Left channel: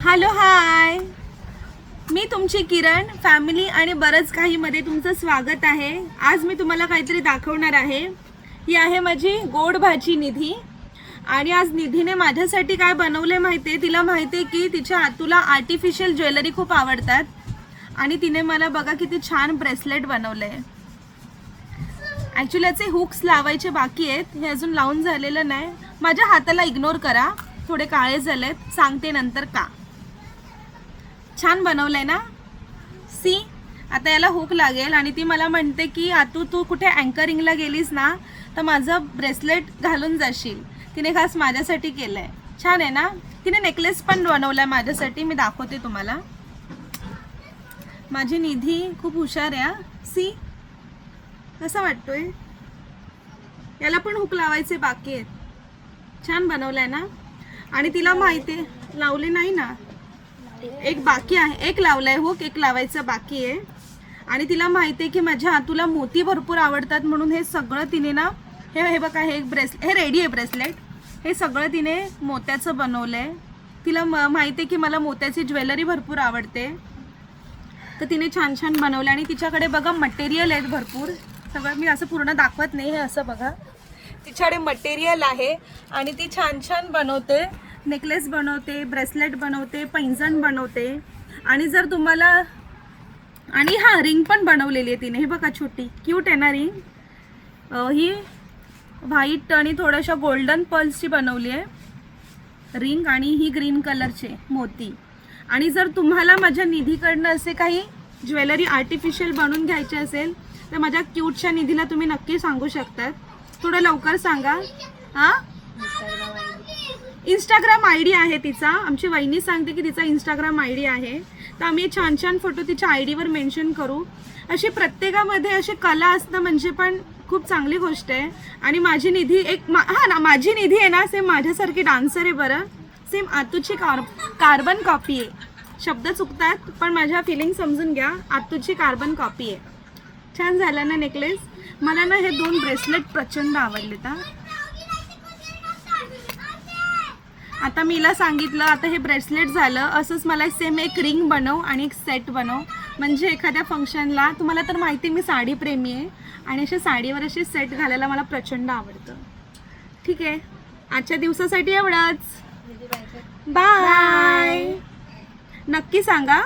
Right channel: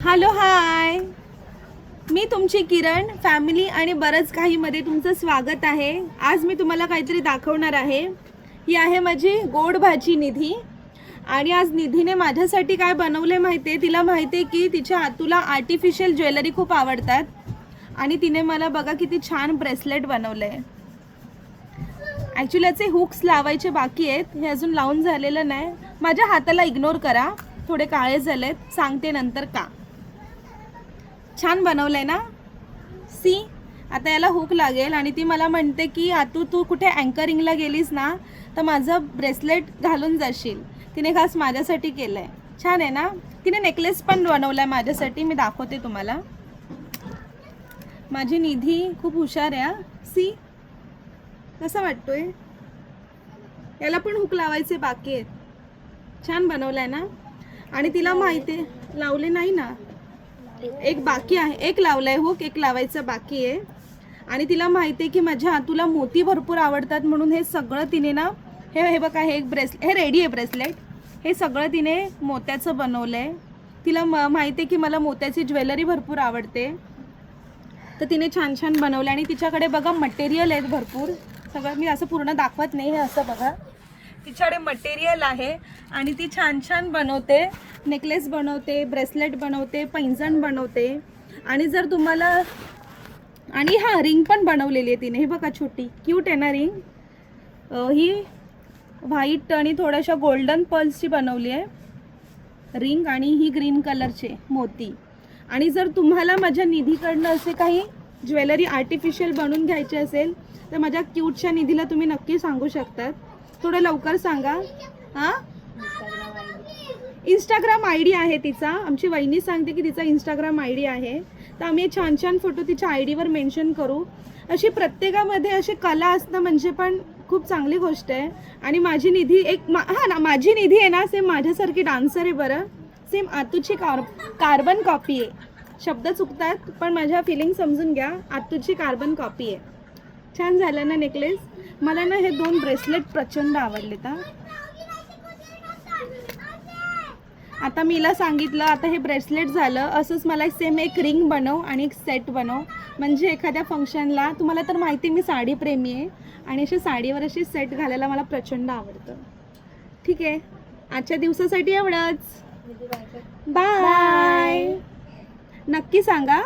Hello hi, मी तुमची किरण family आणि बरंच काहीमध्ये तुमचं स्वागत आहे. आज मी तुम्हाला काहीतरी दाखवणार आहे. ही आहे माझी गोड भाजी निधी. आणि आज निधीने माझ्यासाठी काय बनवले माहिती आहे. तिला माहिती आहे की तिच्या तुला आर्टिफिशियल ज्वेलरी खूप आवडतात आणि तिने मला बघा किती छान ब्रेसलेट बनवलं आहे. ॲक्च्युली याचे हुक्स लावायचे बाकी आहेत, हे अजून लावून झालेलं नाही. माझ्या हाताला इग्नोर करा, थोडे काळे झालेत, सांगते नंतर का. छान बनवलंय ना. सी, आता याला हुक लागेल आणि ती मला म्हणते की तू कुठे अँकरिंगला गेलीस ना तर माझं ब्रेसलेट घालून जाशील. तिने खास माझ्यासाठी केलंय. छान आहे ना. तिने नेकलेस पण बनवलाय माझ्यासाठी, मी दाखवते तुम्हाला. माझी निधी खूप हुशार आहे. सी, कसं वाटतोय. याला पण हुक लावायचे बाकी आहेत. छान बनवलंय ना. आणि तिला माहिती आहे, लावले नाही ना, एक बाकी आहे. एक लावलाय हुक, एक लावायचं बाकी आहे. आणि तिला माहिती आहे की माझ्या हातूला मोती भरपूर आवडतात म्हणून हे सगळं तिने ना, हे बघा, हे एक ब्रेसलेट, हे रेडी आहे ब्रेसलेट. हे सगळं तिने मोत्याचं बनवलंय. तिला माहिती आहे की मला मोत्याची ज्वेलरी भरपूर आवडते, तर तिने छान छान बनवलं. आणि तिच्याकडे बघा मटेरियल आहेत भरपूर. सगळं मी असं पूर्ण दाखवत नाही, हे असं बघा तिच्याकडे मटेरियल आहे आणि ती छान छान बनवते. नेकलेस बनवते, ब्रेसलेट बनवते, पैंजण बनवते. आणि जर तुम्हाला, आणि हा रिंग पण बनवलेली आहे तिने. हे बघा छोटी क्यूट आहे ना रिंग. ही व्हाईट आणि थोड्याशा गोल्डन पर्ल्सची बनवली आहे रिंग, आणि ही ग्रीन कलरचे मोती. आणि जर तुम्हाला माझ्या निधीकडनं असे काही ज्वेलरी आर्टिफिशियल बनवून घ्यायचे असेल तर माझ्या क्यूटच्या निधीला तुम्ही नक्की सांगू शकतात. थोडं लवकर सांगा. हां, इंस्टाग्राम आय डी आहे तिचा. आमची वहिनी सांगते की तिचा इंस्टाग्राम आय डी आहे, तर आम्ही छान छान फोटो तिच्या आय डीवर मेन्शन करू. अशी प्रत्येकामध्ये अशी कला असणं म्हणजे पण खूप चांगली गोष्ट आहे. आणि माझी निधी एक माझी निधी आहे ना, सेम माझ्यासारखी डान्सर आहे बरं. सेम आतूची कार्बन कॉपी आहे. शब्द चुकतात पण माझ्या फिलिंग समजून घ्या. आतूची कार्बन कॉपी आहे. छान झालं ना नेकलेस. मला ना हे 2 ब्रेसलेट प्रचंड आवडलेत. आता मी हिला सांगितलं, आता हे ब्रेसलेट झालं, असंच मला सेम एक रिंग बनव आणि एक सेट बनव, म्हणजे एखाद्या फंक्शनला. तुम्हाला तर माहिती मी साडी प्रेमी आहे आणि असे साडीवर असे सेट घालायला मला प्रचंड आवडतं. ठीक आहे, आजच्या दिवसासाठी एवढंच. बाय. नक्की सांगा.